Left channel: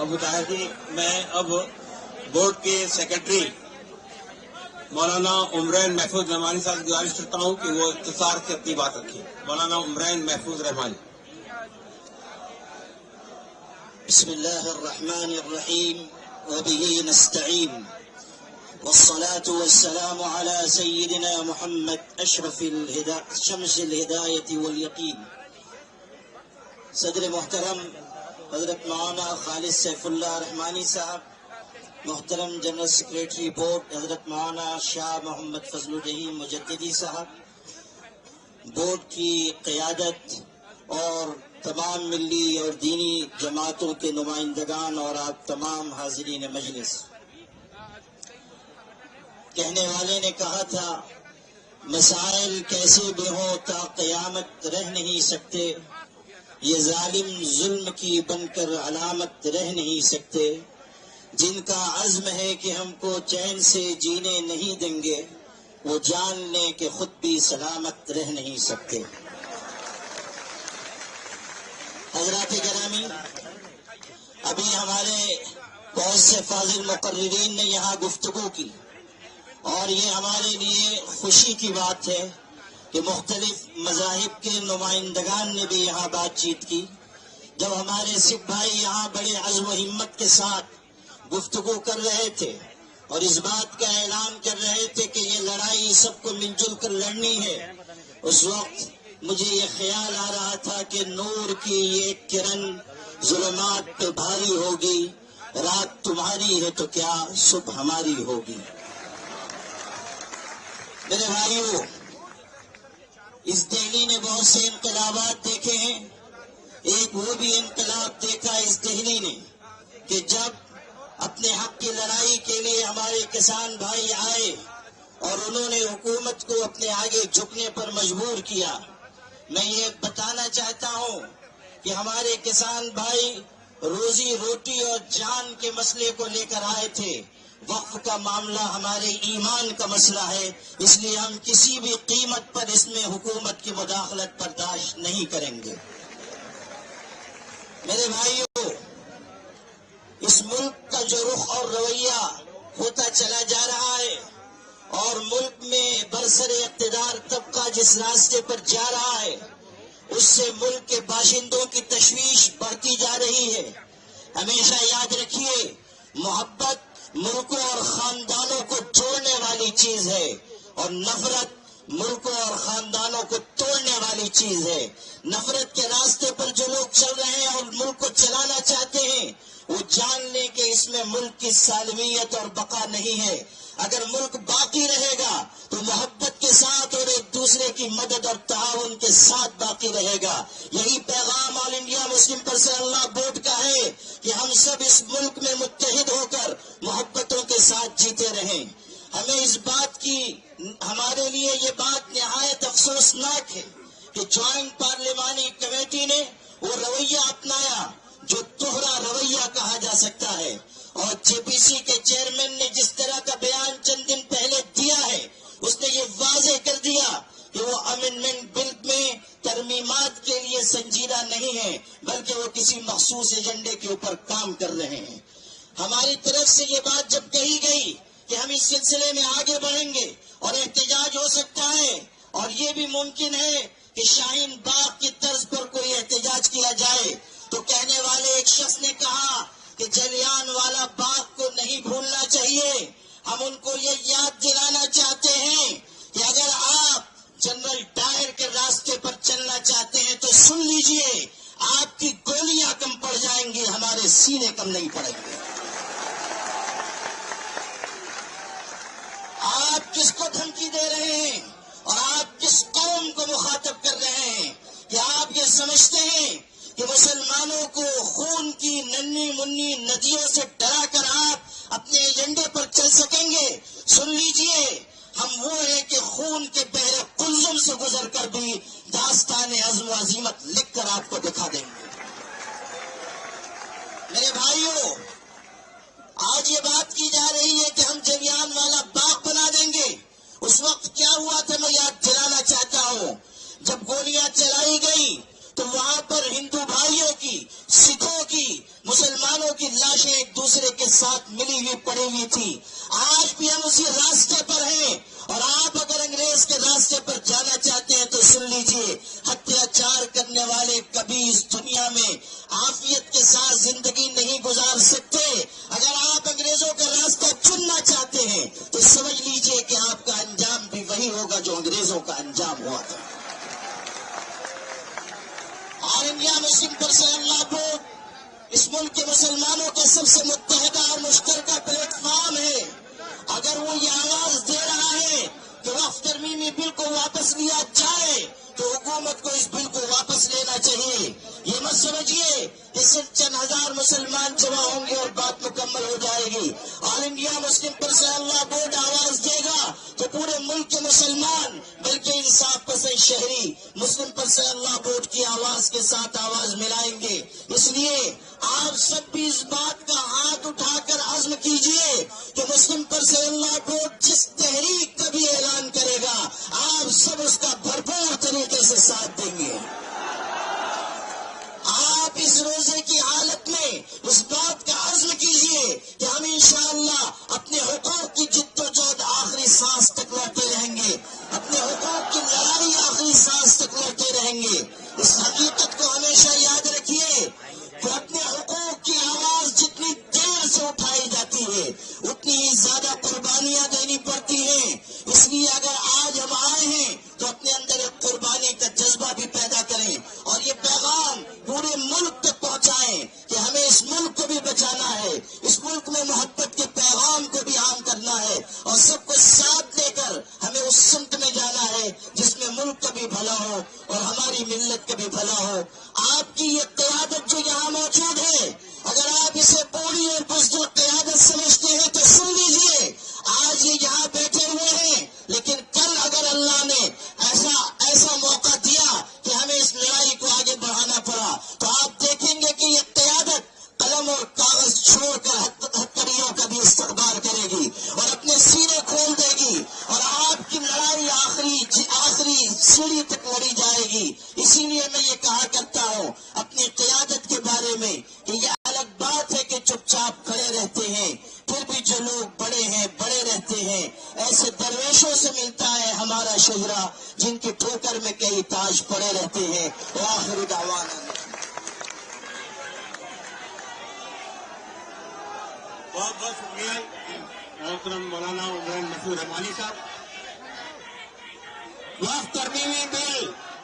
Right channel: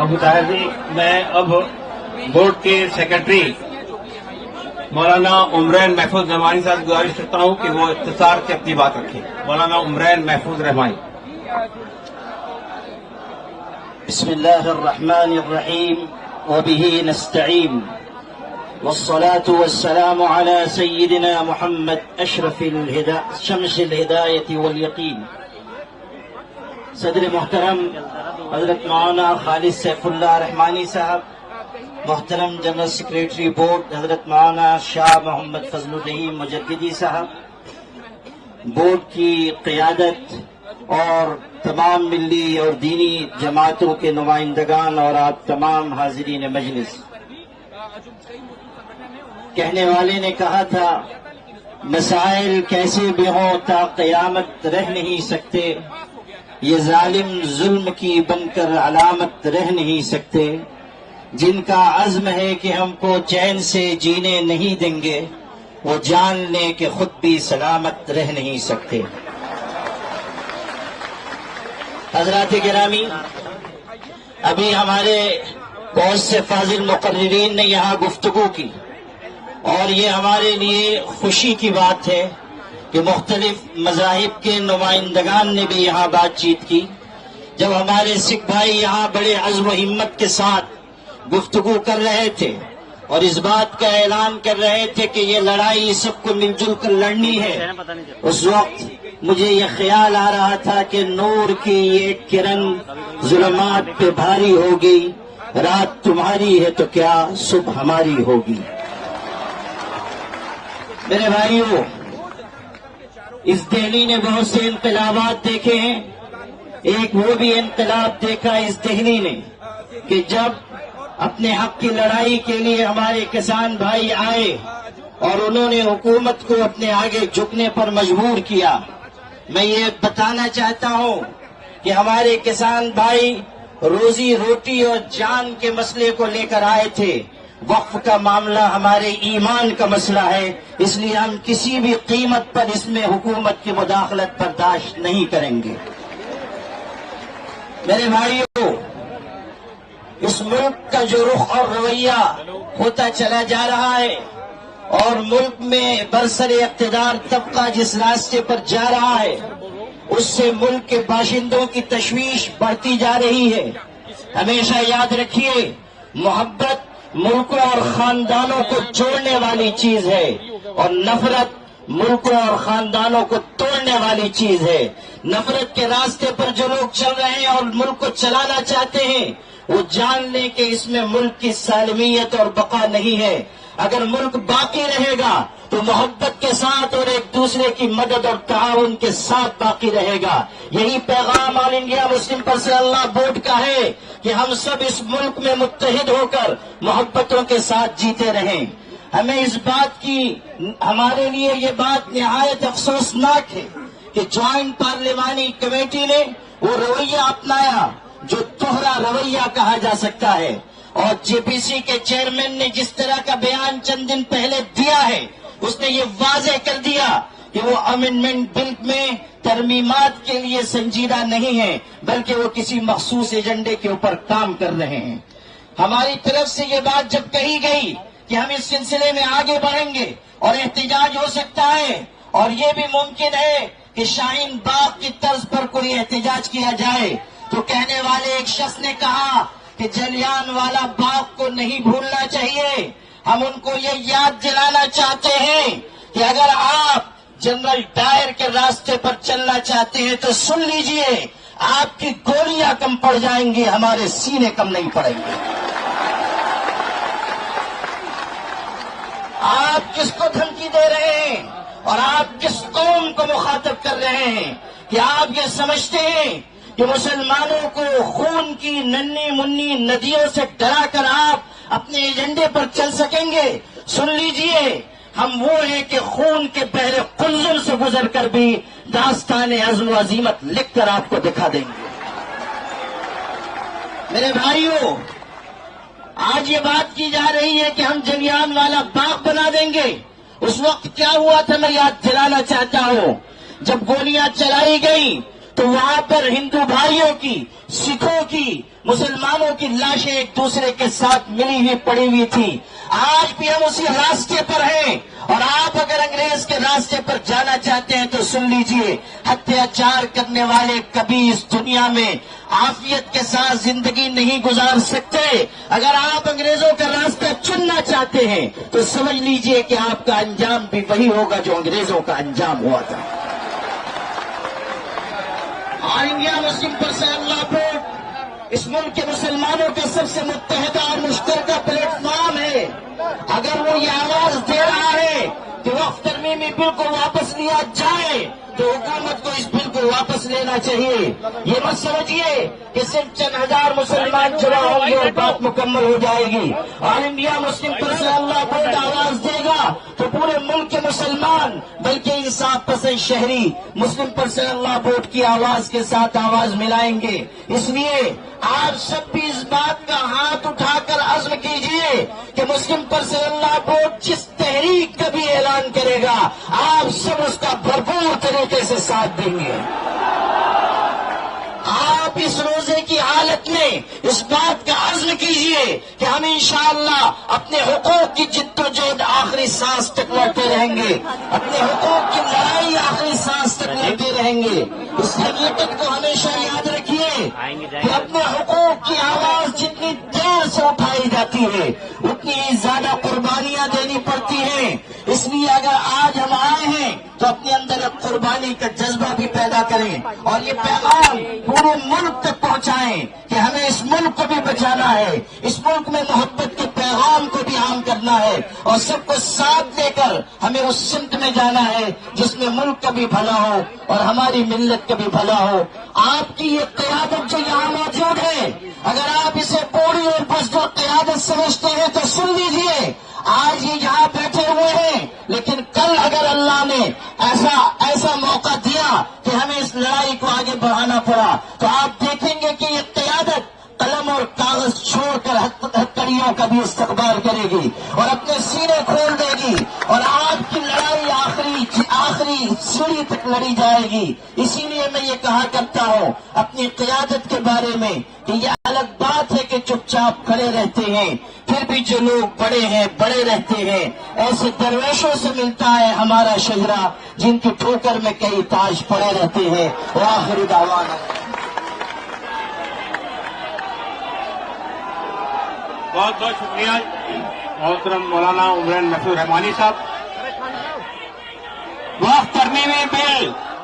ابو طاہر جی، میں اب بورڈ کے سیکرٹری مولانا عمرین محفوظ رحمانی صاحب گزارش کرتا ہوں کہ وہ اختصار سے اپنی بات رکھیں. مولانا عمرین محفوظ رحمانی. بسم الله الرحمن الرحيم وبه نستعين والصلاة والسلام على سيدنا محمد أشرف شمس الهداية واليقين. صدر محترم حضرت مولانا خالد سیف اللہ رحمانی صاحب، محترم جنرل سیکریٹری بورڈ حضرت مولانا شاہ محمد فضل الرحیم مجددی صاحب، بورڈ کی قیادت اور تمام ملی اور دینی جماعتوں کے نمائندگان اور آپ تمام حاضرین مجلس. کہنے والے نے کہا تھا مسائل کیسے بھی ہوں تا قیامت رہ نہیں سکتے، یہ ظالم ظلم کی بن کر علامت رہ نہیں سکتے، جن کا عزم ہے کہ ہم کو چین سے جینے نہیں دیں گے وہ جان لیں کہ خود بھی سلامت رہ نہیں سکتے. حضرات گرامی، ابھی ہمارے بہت سے فاضل مقررین نے یہاں گفتگو کی اور یہ ہمارے لیے خوشی کی بات ہے کہ مختلف مذاہب کے نمائندگان نے بھی یہاں بات چیت کی. جب ہمارے سکھ بھائی یہاں بڑے عزم و ہمت کے ساتھ گفتگو کر رہے تھے اور اس بات کا اعلان کر رہے تھے کہ یہ لڑائی سب کو مل جل کر لڑنی ہے، اس وقت مجھے یہ خیال آ رہا تھا کہ نور کی ایک کرن ظلمات پہ بھاری ہوگی، رات تمہاری ہے تو کیا صبح ہماری ہوگی. میرے بھائیوں، اس دہلی نے بہت سے انقلابات دیکھے ہیں. ایک وہ بھی انقلاب دیکھا اس دہلی نے کہ جب اپنے حق کی لڑائی کے لیے ہمارے کسان بھائی آئے اور انہوں نے حکومت کو اپنے آگے جھکنے پر مجبور کیا. میں یہ بتانا چاہتا ہوں کہ ہمارے کسان بھائی روزی روٹی اور جان کے مسئلے کو لے کر آئے تھے. وقف کا معاملہ ہمارے ایمان کا مسئلہ ہے، اس لیے ہم کسی بھی قیمت پر اس میں حکومت کی مداخلت برداشت نہیں کریں گے. میرے بھائیوں، اس ملک کا جو رخ اور رویہ ہوتا چلا جا رہا ہے اور ملک میں برسر اقتدار طبقہ جس راستے پر جا رہا ہے اس سے ملک کے باشندوں کی تشویش بڑھتی جا رہی ہے. ہمیشہ یاد رکھیے، محبت ملکوں اور خاندانوں کو جوڑنے والی چیز ہے اور نفرت ملکوں اور خاندانوں کو توڑنے والی چیز ہے. نفرت کے راستے پر جو لوگ چل رہے ہیں اور ملک کو چلانا چاہتے ہیں وہ جان لیں کہ اس میں ملک کی سالمیت اور بقا نہیں ہے. اگر ملک باقی رہے گا تو محبت کے ساتھ اور ایک دوسرے کی مدد اور تعاون کے ساتھ باقی رہے گا. یہی پیغام آل انڈیا مسلم پرسنل اللہ بورڈ کا ہے کہ ہم سب اس ملک میں متحد ہو کر محبتوں کے ساتھ جیتے رہیں. ہمیں اس بات کی، ہمارے لیے یہ بات نہایت افسوسناک ہے کہ جوائنٹ پارلیمانی کمیٹی نے وہ رویہ اپنایا جو دوہرا رویہ کہا جا سکتا ہے، اور جے پی سی کے چیئرمین نے جس طرح کا بیان چند دن پہلے دیا ہے اس نے یہ واضح کر دیا کہ وہ امینڈمنٹ بل میں ترمیمات کے لیے سنجیدہ نہیں ہے بلکہ وہ کسی مخصوص ایجنڈے کے اوپر کام کر رہے ہیں. ہماری طرف سے یہ بات جب کہی گئی کہ ہم اس سلسلے میں آگے بڑھیں گے اور احتجاج ہو سکتا ہے اور یہ بھی ممکن ہے کہ شاہین باغ کی طرز پر کوئی احتجاج کیا جائے، تو کہنے والے ایک شخص نے کہا کہ جلیان والا باغ کو نہیں بھولنا چاہیے. ہم ان کو یہ یاد دلانا چاہتے ہیں کہ اگر آپ جنرل ڈائر کے راستے پر چلنا چاہتے ہیں تو سن لیجئے، آپ کی گولیاں کم پڑ جائیں گی، ہمارے سینے کم نہیں پڑیں گے. آپ کس کو دھمکی دے رہے ہیں اور آپ کس قوم کو مخاطب کر رہے ہیں؟ کہ آپ یہ سمجھتے ہیں کہ مسلمانوں کو خون کی ننھی منی ندیوں سے ڈرا کر آپ اپنے ایجنڈے پر چل سکیں گے؟ سن لیجئے، ہم وہ ہیں کہ خون کے بحر قلزم سے گزر کر بھی داستان عزم و عزیمت لکھ کر آپ کو دکھا دیں گے. میرے بھائیوں، آج یہ بات کی جا رہی ہے کہ ہم جلیان والا باغ بنا دیں گے. اس وقت کیا ہوا تھا میں یاد دلانا چاہتا ہوں. جب گولیاں چلائی گئی تو وہاں پر ہندو بھائیوں کی، سکھوں کی، مسلمانوں کی لاشیں ایک دوسرے کے ساتھ ملی ہوئی پڑی ہوئی تھی. آج بھی ہم اسی راستے پر ہیں، اور آپ اگر انگریز کے راستے پر جانا چاہتے ہیں تو سن لیجئے، اتیاچار کرنے والے کبھی اس دنیا میں عافیت کے ساتھ زندگی نہیں گزار سکتے. اگر آپ انگریزوں کا راستہ چننا چاہتے ہیں تو سمجھ لیجئے کہ آپ کا انجام بھی وہی ہوگا جو انگریزوں کا انجام ہوا تھا. آل انڈیا مسلم پرسنل لا بورڈ اس ملک کے مسلمانوں کا سب سے متحدہ اور مشترکہ پلیٹ فارم ہے. اگر وہ یہ آواز دے رہا ہے کہ وقف ترمیمی بل کو واپس لیا جائے تو حکومت کو اس بل کو واپس لینا چاہیے. یہ مت سمجھیے کہ صرف چند ہزار مسلمان جمع ہوں گے اور بات مکمل ہو جائے گی. آل انڈیا مسلم پرسنل لا بورڈ آواز دے گا تو پورے ملک کے مسلمان، بلکہ انصاف پسند شہری مسلم پرسنل لا بورڈ کی آواز کے ساتھ آواز ملائیں گے. اس لیے آپ سب بھی اس بات کا ہاتھ اٹھا کر عزم کیجئے کہ مسلم پرسنل لا بورڈ جس تحریک کا بھی اعلان کرے گا آپ سب اس کا بھرپور طریقے سے ساتھ دیں گے. آپ اس روزے کی حالت میں اس بات کا عزم کیجئے کہ ہم انشاءاللہ اپنے حقوق کی جد و جہد آخری سانس تک لڑتے رہیں گے، اپنے حقوق کی لڑائی آخری سانس تک لڑتے رہیں گے. اس حقیقت کو ہمیشہ یاد رکھیے کہ اپنے حقوق کی آواز جتنی دیر سے اٹھائی جاتی ہے اتنی ہی زیادہ قربانیاں دینی پڑتی ہیں. اس لیے اگر آج ہم آئے ہیں تو اپنے اندر ایک قربانی کا جذبہ بھی پیدا کریں اور یہ پیغام پورے ملک تک پہنچائیں کہ ہمیں اس ملک کو بھی بچانا ہے، اس ملک میں محبت کے پیغام کو بھی عام کرنا ہے، اور سب کو ساتھ لے کر ہمیں اس سمت میں جانا ہے جس میں ملک کا بھی بھلا ہو اور ہماری ملت کا بھی بھلا ہو. آپ کی یہ قیادت جو یہاں موجود ہے، اگر آپ اسے بوڑھی اور بزدل قیادت سمجھتے ہیں تو سن لیجئے، آج یہ یہاں بیٹھے ہوئے ہیں، لیکن کل اگر اللہ نے ایسا موقع دیا کہ ہمیں اس لڑائی کو آگے بڑھانا پڑا تو آپ دیکھیں گے کہ یہ قیادت قلم اور کاغذ چھوڑ کر ہتھکڑیوں کا بھی استقبال کرے گی اور اپنے سینے کھول دے گی، اور آپ کی لڑائی آخری سیڑھی تک لڑی جائے گی. اسی لیے میں یہ کہا کرتا ہوں اپنی قیادت کے بارے میں کہ یہ الگ بات ہے کہ چپ چاپ کھڑے رہتے ہیں، پھر بھی جو لوگ بڑے ہیں بڑے رہتے ہیں. ایسے درویشوں سے ملتا ہے ہمارا شجرا جن کی ٹھوکر میں کئی تاج پڑے رہتے ہیں. وآخر دعوانا بہت بہت شکریہ محترم مولانا عمران محفوظ رحمانی صاحب. وقف ترمیمی بل